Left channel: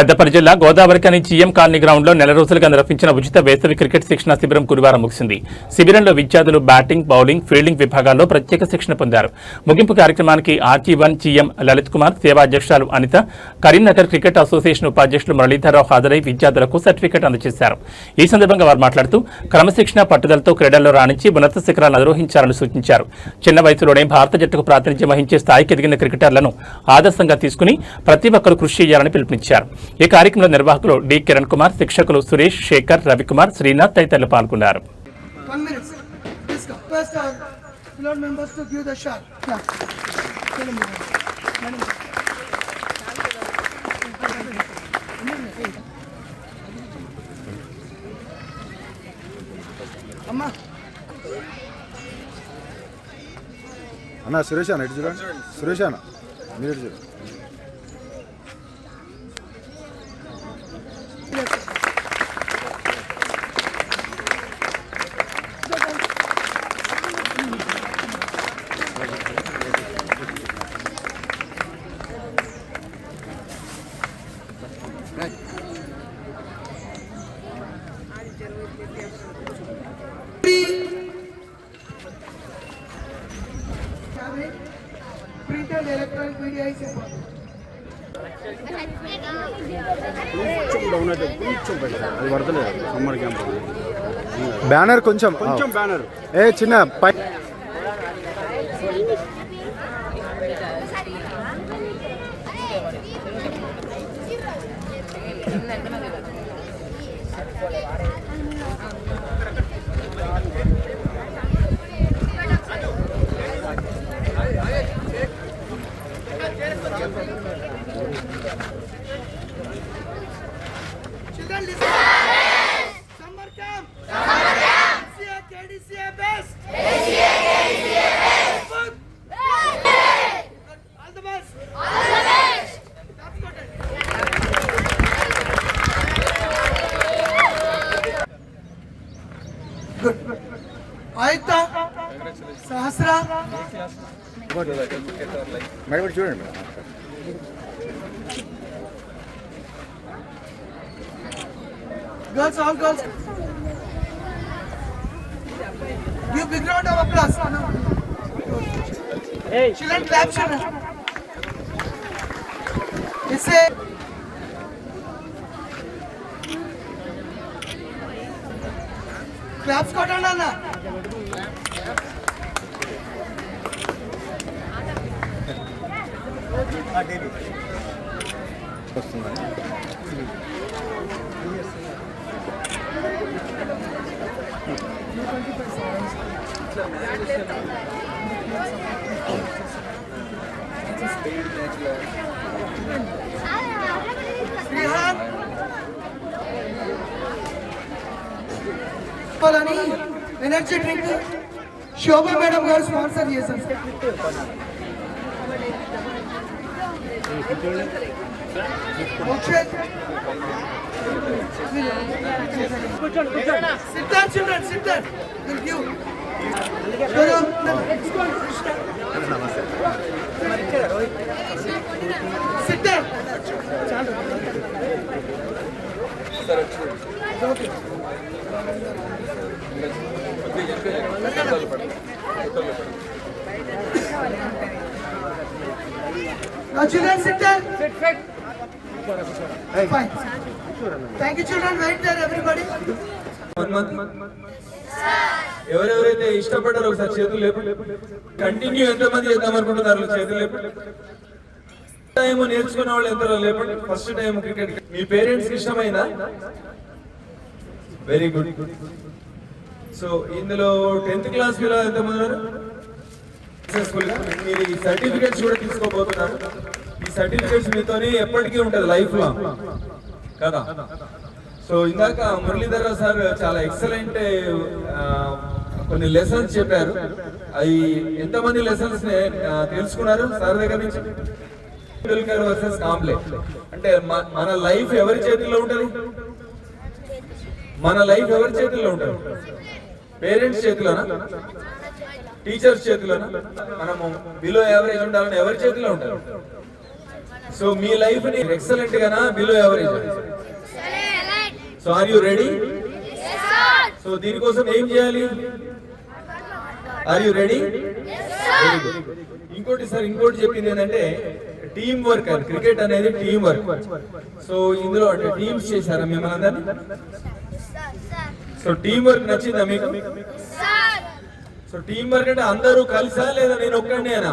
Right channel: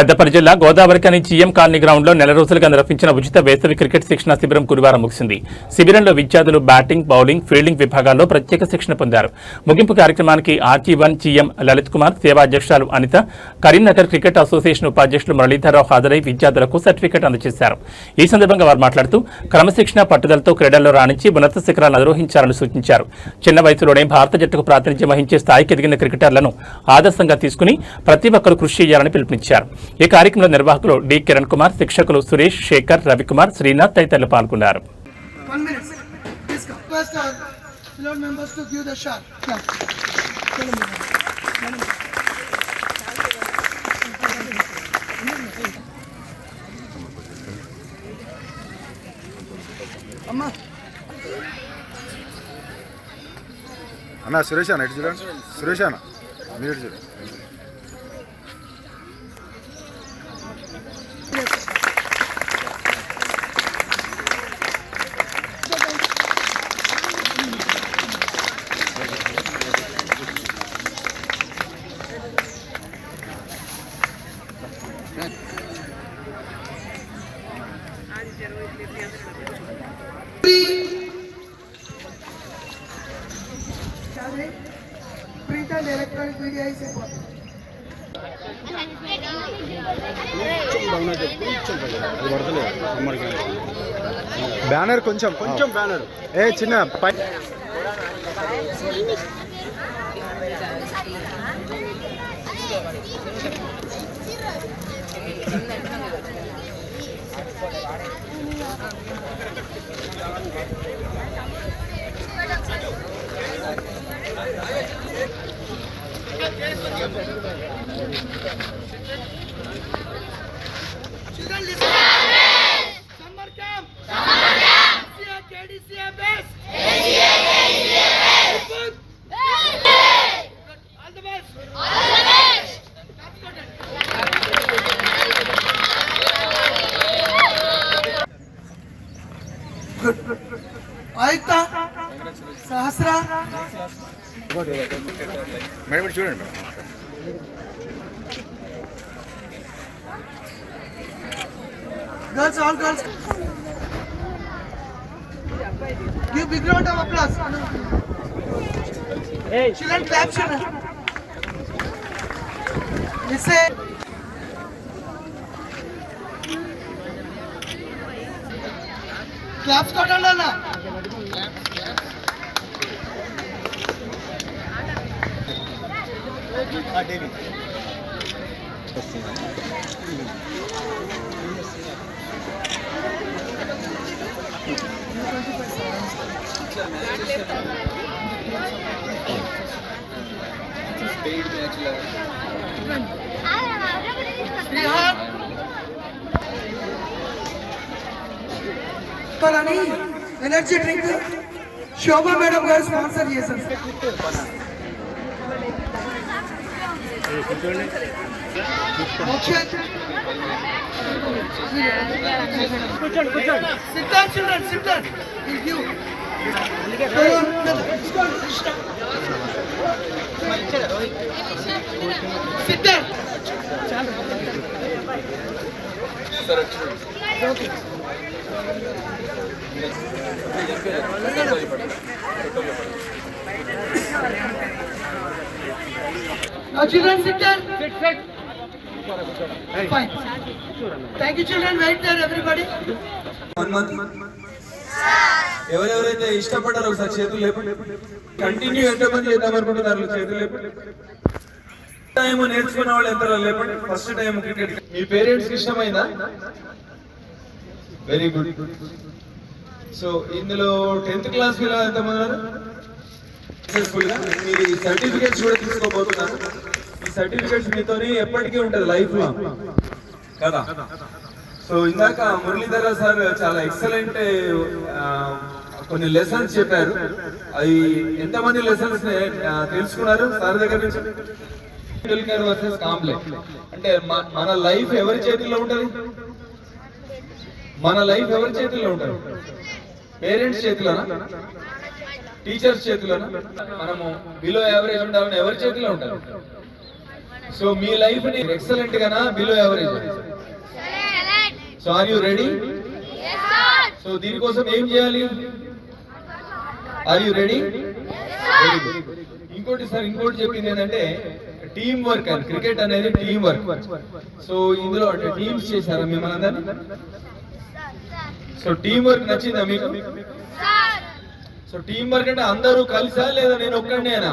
పెద్దపల్లి జిల్లా Godavarikhani GM colony ground లో నెల రోజులుగా నిర్వహించిన ఉచిత వేసవి క్రికెట్ శిక్షణ శిబిరం గురువారం ముగిసింది. శిబిరంలో విద్యార్థులు బ్యాటింగ్, బౌలింగ్, ఫీల్డింగ్ విభాగాల్లో ప్రత్యేక శిక్షణ పొందారు. ముగింపు కార్యక్రమానికి ఆర్జీ1 జీఎం లలిత్ కుమార్, సేవా అధ్యక్షురాలు అనిత, కరీంనగర్ క్రికెట్ అసోసియేషన్ ఉపాధ్యక్షులు మురళీధరరావు హాజరై విద్యార్థులకు సర్టిఫికెట్ అందజేశారు. ఈ సందర్భంగా వారు మాట్లాడుతూ క్రమశిక్షణ, పట్టుదలతో క్రీడల్లో రాణించి ఉన్నత శిఖరాలను అధిరోహించాలని సూచించారు. చిన్న వయసులోనే భారత జట్టుకు ప్రాతినిధ్యం వహించే స్థాయికి ఎదిగిన క్రికెటర్లను ఆదర్శంగా తీసుకుని ప్రతి ఒక్కరూ కృషి చేయాలని పిలుపునిచ్చారు. ఈ కార్యక్రమంలో నిర్వాహకులు డి కిరణ్ కుమార్, శిక్షకులు సురేష్, శేఖర్, రవికుమార్, శ్రీనాథ్ తదితరులు పాల్గొన్నారు. అన్న సురేష్ అన్న ఇటు చూడండి, సురేష్ అన్న మీరు చూడండి. బ్యానర్ కొంచెం బ్యానర్ చిన్న పై Children listen. Summer camp. KDCA best. Good. All the best. Top scorer. Good. Aita. Sahasra. Madam చూడండి. Girls, all girls. Give big round of applause. Hey. Children, clap, children. Listen. Claps got on, Nana. Energy drink Shobha madam గారు sponsor చేశారు. Children SIT Now children sit there. Sit. Fine. Thank you children. Wait there everybody. ఎవరెవరైతే ఇష్టపడ్డారో ఒకసారి చేతులు లేపండి. Continue ఎంతమంది చేద్దాం అనుకుంటున్నారు చేతులు లేపండి. టైం నేర్చుకున్న వాళ్ళు ఎంత లేపండి. ఫస్ట్ టైం క్రికెట్ మీ పేరెంట్స్కి ఇష్టమైందా? Very good. సో ఇందులో 10th క్లాస్ పిల్లలు ఎంతమంది ఉన్నారు? సక్సెస్ఫుల్గా మీరు ఈ సర్టిఫికేట్స్ కూడా తీసుకోబోతున్నారు. ఈ సర్టిఫికేట్స్ మీతోనే ఎప్పటికీ ఉంటుంది, లైఫ్ లాంగ్ కదా. సో ఇందాక మురళీధర సార్ చాలా ఎక్సలెంట్ కొన్ని లెసన్స్ చెప్పారు. అవి ఎంతమంది లెసన్స్ తెలుసుకున్నారు సార్ దగ్గర నుంచి? టెండూల్కర్ వర్సెస్ కాంబ్లే అంటే మన లైఫ్ ఎవరి చేతుల్లో ఉంటుంది? మన లైఫ్ ఎవరి చేతుల్లో ఉంటుంది? పేరెంట్స్ చేతిలోనా, టీచర్స్ చేతిలోనా? మనము బిలో యావరేజ్ ఉండాలని ఎవరి చేతిలో ఉంటారు? సో మీ లైఫ్ ని ఎక్సలెంట్ గానా below average? So are you ready? So దీనికోసం ఏం చేయాలి? Are you ready? ఇంకోటి సార్, ఇంకోటి చెప్పింది ఏంటంటే టీం వర్క్ అని. క్రికెట్ అనేది టీం వర్క్. సో ఇందులో అంటే టీమ్స్ చేశారా మిమ్మల్ని అందరినీ? సో టీం వర్క్ నచ్చిందా మీకు? సో టీం వర్క్ అంటే అందరూ కలిసా లేదా నేను ఒక్కడినేనా?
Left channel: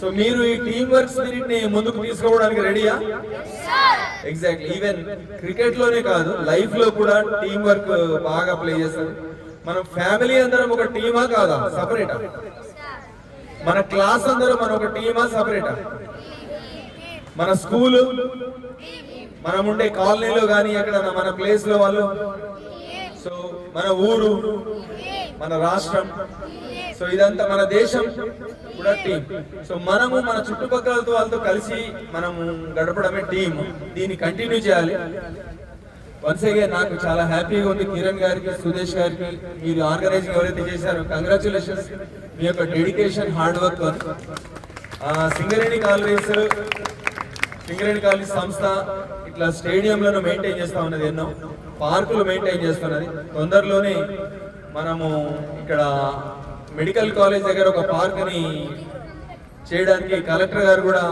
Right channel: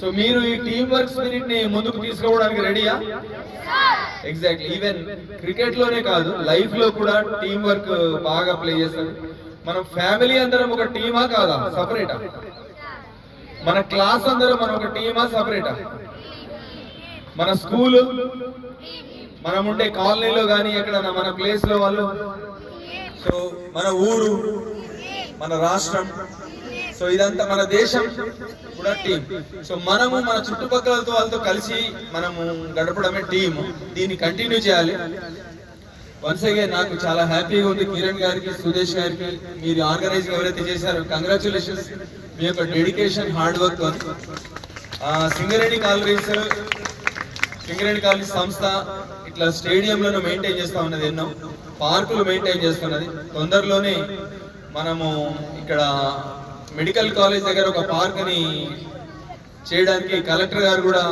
సో మీరు ఈ టీం వర్క్ స్పిరిట్ ని ముందుకు తీసుకోవడానికి రెడీయా? ఎగ్జాక్ట్లీ. ఈవెన్ క్రికెట్ లోనే కాదు, లైఫ్ లో కూడా టీం వర్క్ బాగా ప్లే చేస్తారు. మనం ఫ్యామిలీ అందరం ఒక టీమా కాదా? సపరేటా? మన క్లాస్ అందరం మనం ఒక టీమా సపరేటా? మన స్కూల్, మనం ఉండే కాలనీలో కానీ ఎక్కడన్నా మన ప్లేస్ లో వాళ్ళు, సో మన ఊరు, మన రాష్ట్రం, సో ఇదంతా మన దేశం కూడా టీం. సో మనము మన చుట్టుపక్కలతో వాళ్ళతో కలిసి మనము గడపడమే టీం. దీన్ని కంటిన్యూ చేయాలి. వన్స్ అగైన్ నాకు చాలా హ్యాపీగా ఉంది. కిరణ్ గారికి, సుదేశ్ గారికి, మీరు ఆర్గనైజింగ్ ఎవరైతే చేశారో కంగ్రాచులేషన్స్. మీ యొక్క dedication, hard work. Singareni collieries, Singareni collieries సంస్థ ఇట్లా స్టేడియంలను మెయింటైన్ చేస్తా ఉన్నది, ఎన్నో పార్కులు మెయింటైన్ చేస్తున్నది. తొందరలోనే మనము ఇక్కడ మెడికల్ కాలేజ్ దగ్గర ఒక పార్క్ ని చేయడానికి కలెక్టర్ గారు కూడా